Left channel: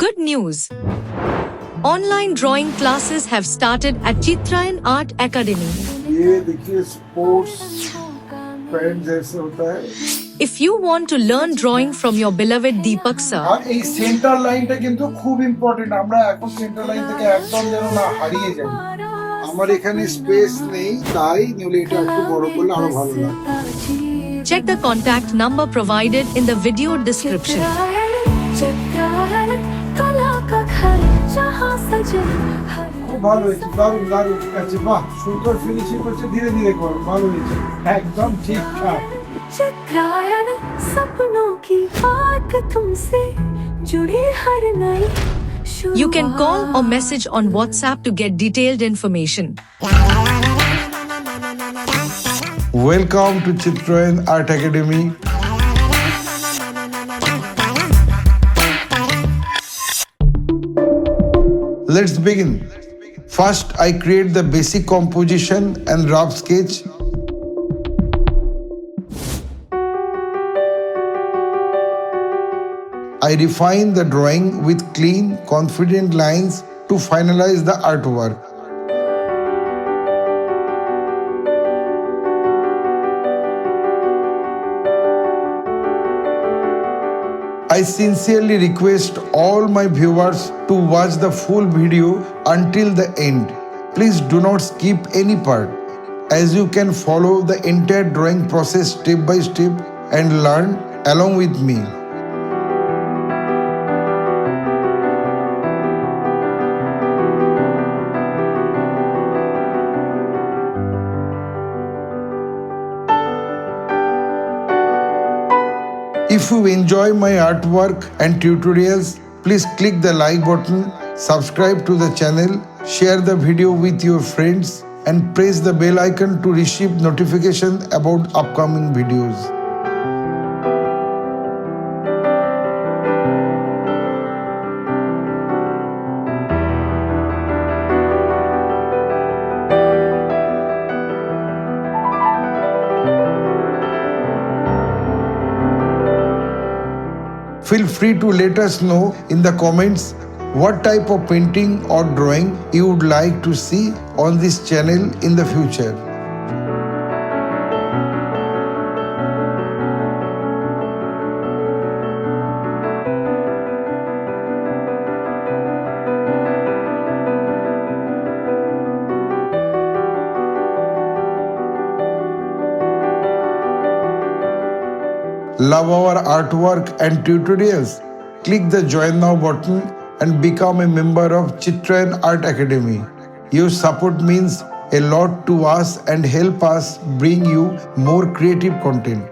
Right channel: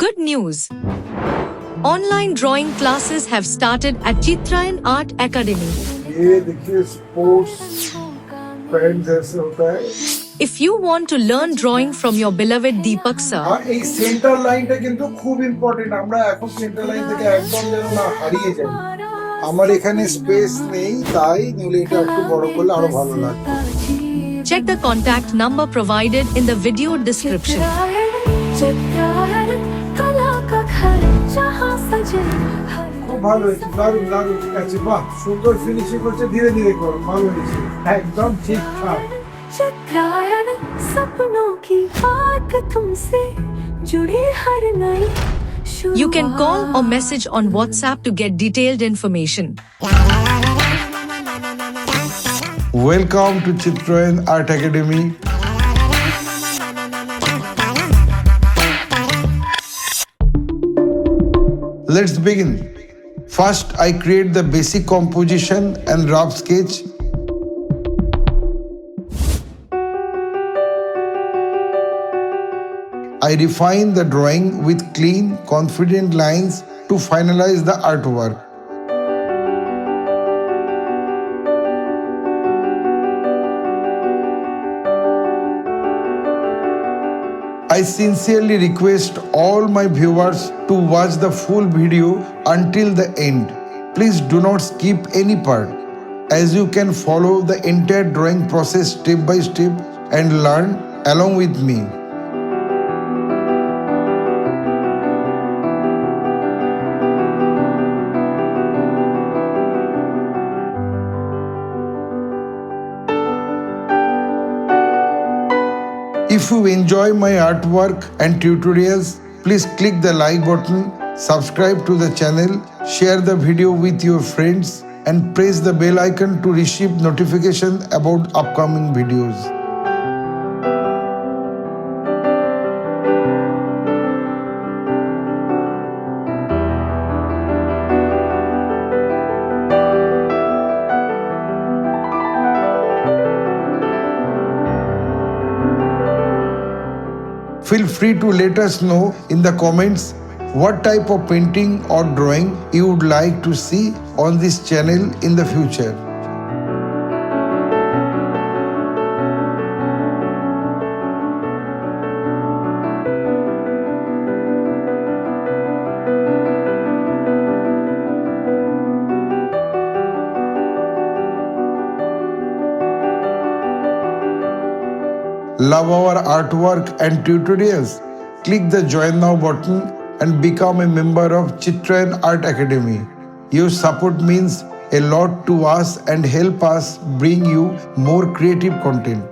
Good news! Online drawing classes have started at Chitrayan Art Academy. ये देखिए sports pant जैसे होता है If you want to learn drawing from your beloved Deepak sir, আর এই centre লাইনটা কিন্তু খুব ইম্পর্টেন্ট আমরা এখন সেন্টার লাইন থেকে একদম যেন না হারিয়ে যাই আমার এখানে স্পেস নেই তাই নিউলি এটা একটু বড় করলে আরো ভালো লাগবে check the contact number provided in the video description. খুব ভালো হয়েছে দারুণ দারুণ আছে বাহ সুন্দর ফিনিশিং করছে ধীরে ধীরে করো ভালো হয়েছে একদম ঠিকঠাক चित्रायन सपनों की बात तुमसे जुड़ी हर नई You can call or message on WhatsApp to get detailed information. Welcome to Chitrayan Art Academy. Let's begin. First, I create the basic composition and rough sketch. I refine the drawing with clean, confident lines to finalize the artwork. I sincerely request all my viewers to watch the full video until the end. Please do not skip any part, as you can follow the entire drawing process step by step and learn along with me. If you enjoy my artwork and tutorials, please click the like button, subscribe to the channel, share the video with your friends, and press the bell icon to receive notification about upcoming videos. Feel free to let us know in the comments what type of painting or drawing you would like to see on this channel in the future. Love our artwork and tutorials? Click the Join Now button and become a member of Chitrayan Art Academy. Your support means a lot to us and help us bring you more creative content.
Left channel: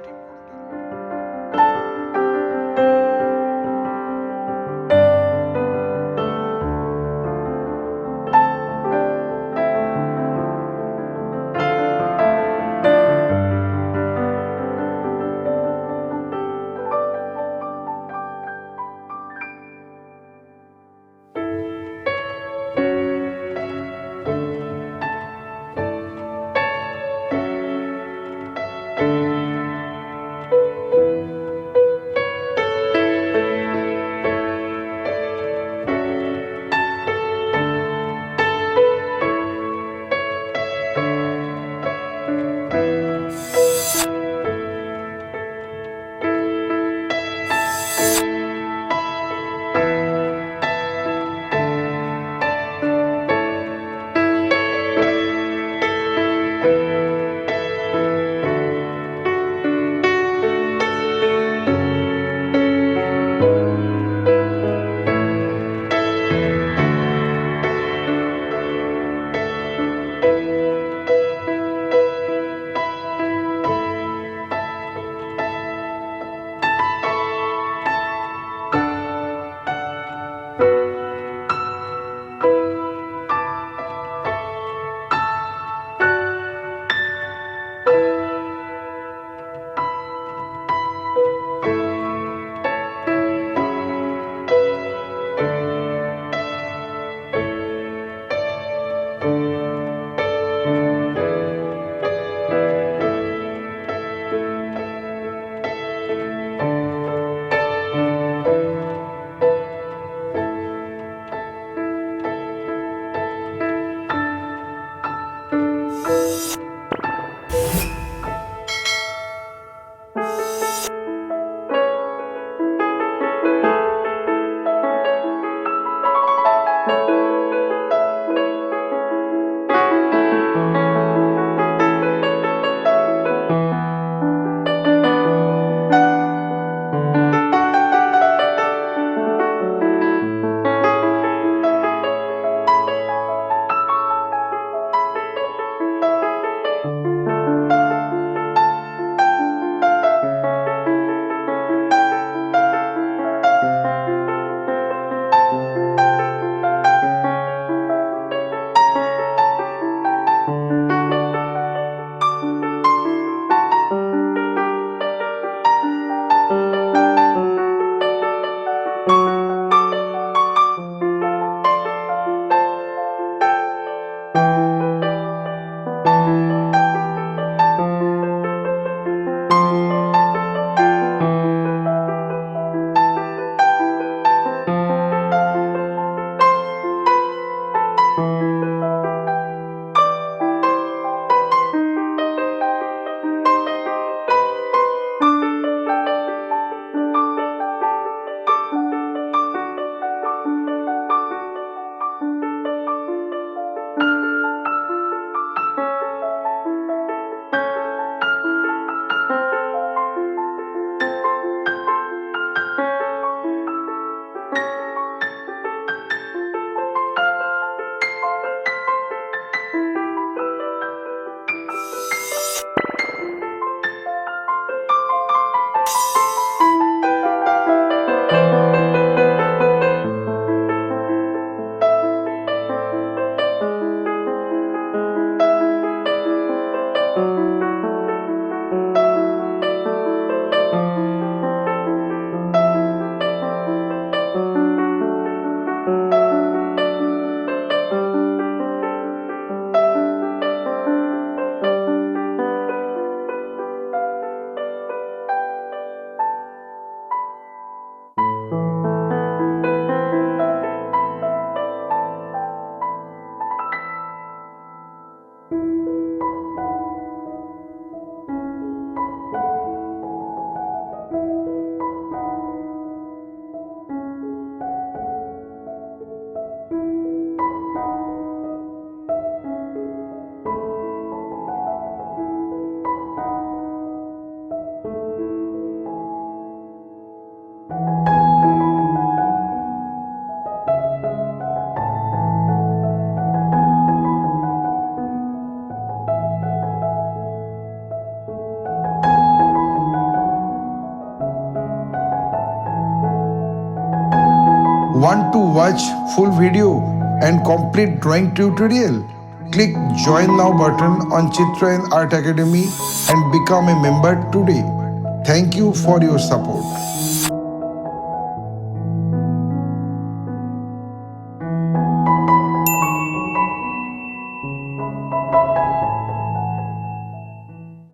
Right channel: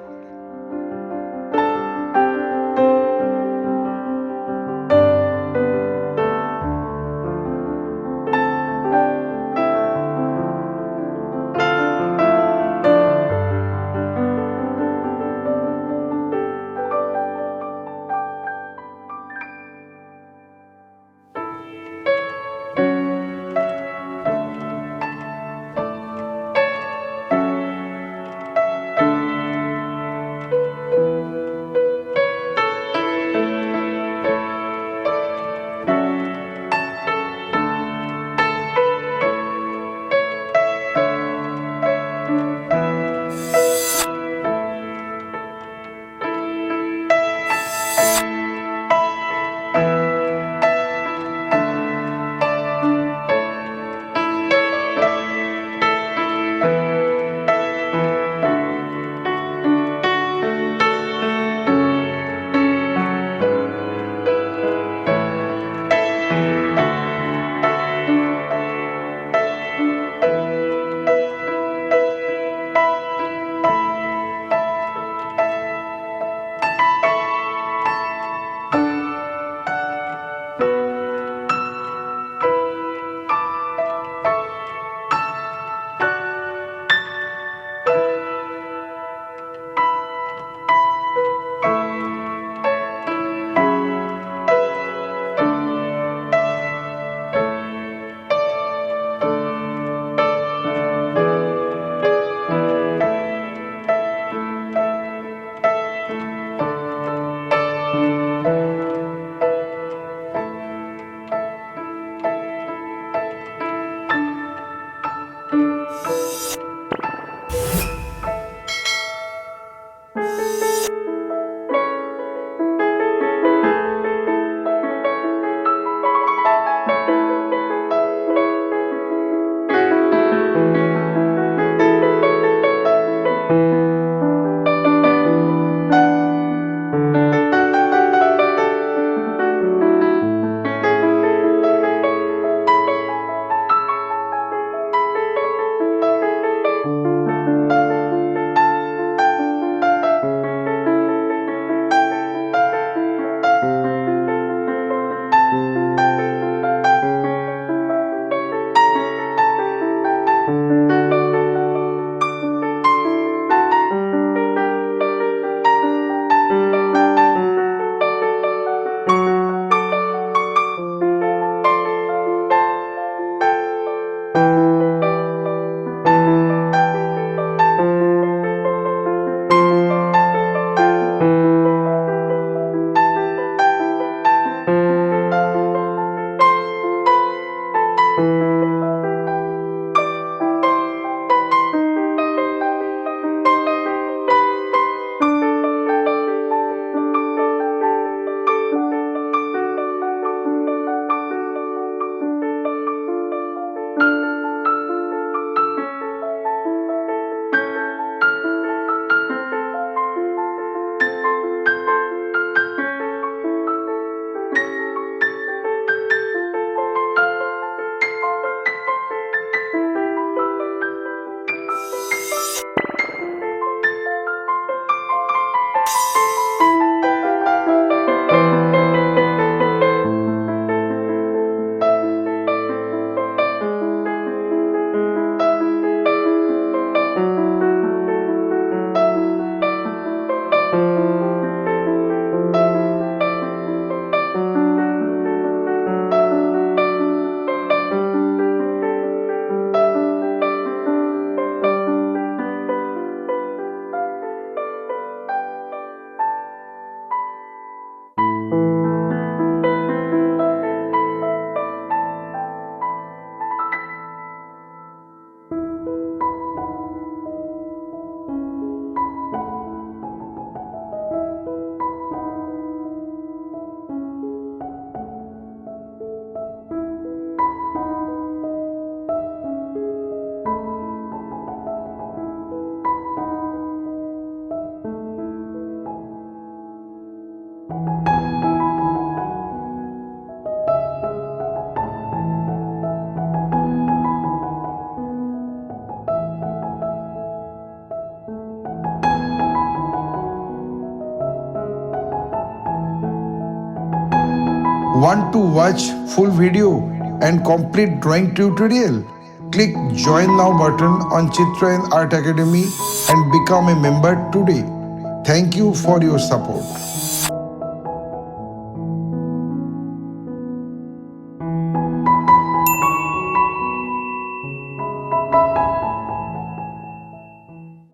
Want to watch full video and complete drawing tutorial? Click Join Now button on Chitrayan Art Academy and become a member today. Thank you for your support.